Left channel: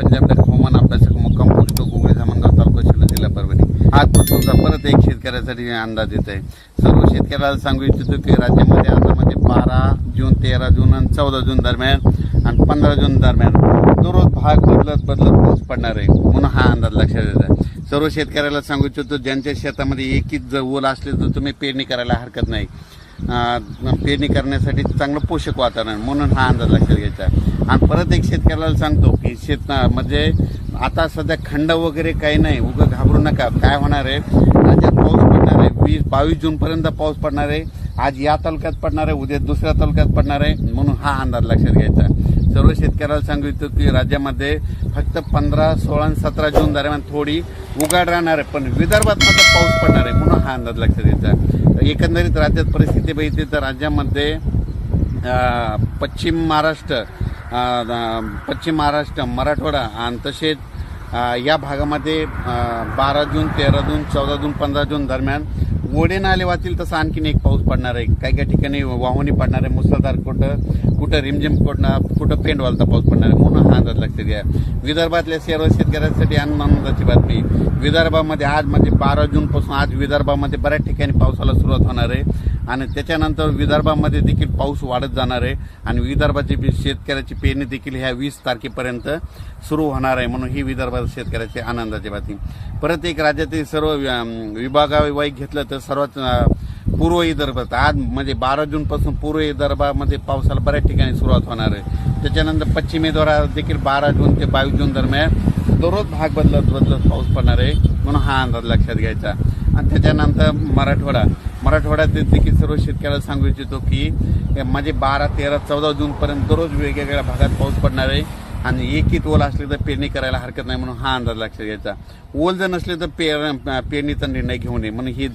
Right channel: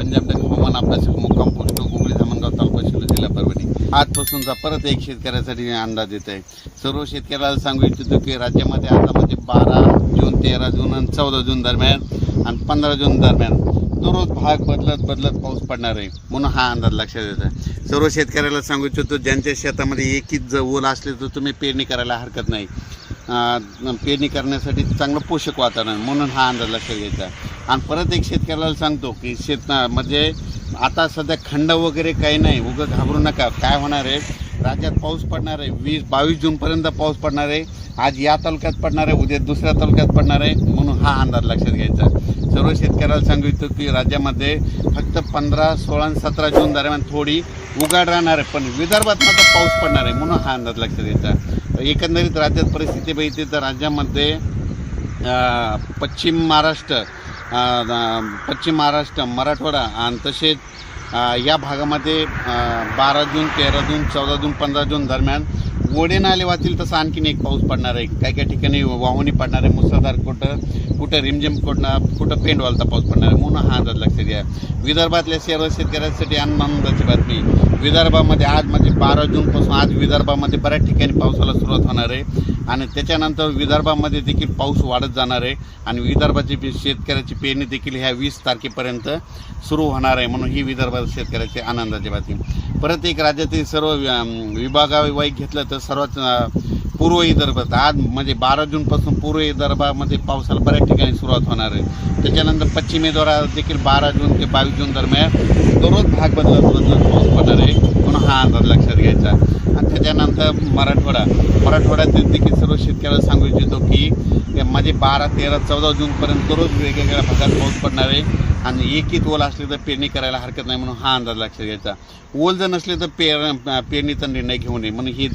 पंजाब हवामान अभ्यासक मुक्काम पोस्ट गुगळी धामणगाव तालुका शिल्लोड जिल्हा परभणी. आजपासूनचा परत एक शेतकऱ्यासाठी अंदाज येत आहे. सर्व शेतकऱ्याला सांगू इच्छितो की राज्यामध्ये आता म्हणजे 12 जून 13 जून आणि 14 जून दरम्यान आणि 15 जून दरम्यान दररोज भाग बदलत पाऊस पडणार आहे, म्हणून हा अंदाज लक्षात येत आहे. सर्व शेतकऱ्याला सांगू इच्छितो ज्यांच्या शेतामध्ये एकच ओल असले तर तुम्ही पेरणी करायला हरकत नाही. पेरणी करण्यासाठी चांगलं पोषक वातावरण, म्हणून हा अंदाज लक्षात घ्यायचा. आणि परत एक शेतकऱ्याला सांगतो की म्हणजे आता सध्या खंड वगैरे काही नाही, उगं घाबरू नका. काय होणार आहे, राज्यात पाऊस पडणार आहे. 20-22 जूनपर्यंत पाऊस पडणार आहे. आज या तालुक्यात पडणार आहे, उद्या दुसऱ्या तालुक्यात पडणार आहे, म्हणून हा अंदाज लक्षात घ्यायचा. सर्व शेतकऱ्याला सांगू इच्छितो की राज्यामध्ये फक्त 15, 16 आणि 17 जून दरम्यान थोडी उघाड राहणार आहे, पण विदर्भात मात्र पाऊस पडणार आहे, म्हणून हा अंदाज लक्षात घ्यायचा. एकंदरीत राज्यात परिस्थिती बघितली तर राज्यामध्ये पश्चिम महाराष्ट्र, मराठवाडा आणि तसेच या भागामध्ये 12 जून 13 जून 14 जून 15 जून दरम्यान ओढे नाले वाहतील तसं आणखीन एक पाऊस पडणार आहे. काही ठिकाणी वाहुणी पडणार आहे, मुसळधार, कुठं रिमझिम, कुठं पेंडवालता पाऊस पडणार आहे, म्हणून हा अंदाज लक्षात घ्या. विदर्भातल्या सर्व शेतकऱ्यांसाठी आनंदाची बातमी. विदर्भामध्ये आज म्हणजे 12 जूनपासून आज विदर्भामध्ये बऱ्याच ठिकाणी पावसाला सुरुवात होणार आहे आणि त्याच्यानंतर विदर्भामध्ये देखील पाऊस वाढत जाणार आहे आणि विदर्भाची शेतकऱ्याची पेरणी देखील ह्या 20 तारखेपर्यंत सुरू होणार आहे, म्हणून ही विदर्भात शेतकऱ्याची आनंदाची बातमी. परत एक राज्यातील सर्व विभागावाईज घेतलं तर सर्वात पूर्व विदर्भात आज म्हणजे 12 जूनपासून पूर्व विदर्भामध्ये पावसाला बऱ्याच ठिकाणी सुरुवात होणार आहे. त्याच्यानंतर पश्चिमी द्वारा देखील 12 जून ते 22 जून दरम्यान दररोज भाग बदलत पाऊस पडणार आहे, म्हणून हा अंदाज लक्षात घ्यायचा. आणि त्याच्यानंतर मराठवाड्यात देखील सर्व शेतकऱ्याला सांगू इच्छितो की म्हणजे 12, 13, 14 जूनपर्यंत दररोज वेगवेगळ्या भागात पाऊस पडणार आहे आणि एकच ओल असले तर पेरणी करायला हरकत नाही, म्हणून हा अंदाज लक्षात घ्यायचा. ओल जर नसले तर पेरणीचा निर्णय घेऊ नये, म्हणून ही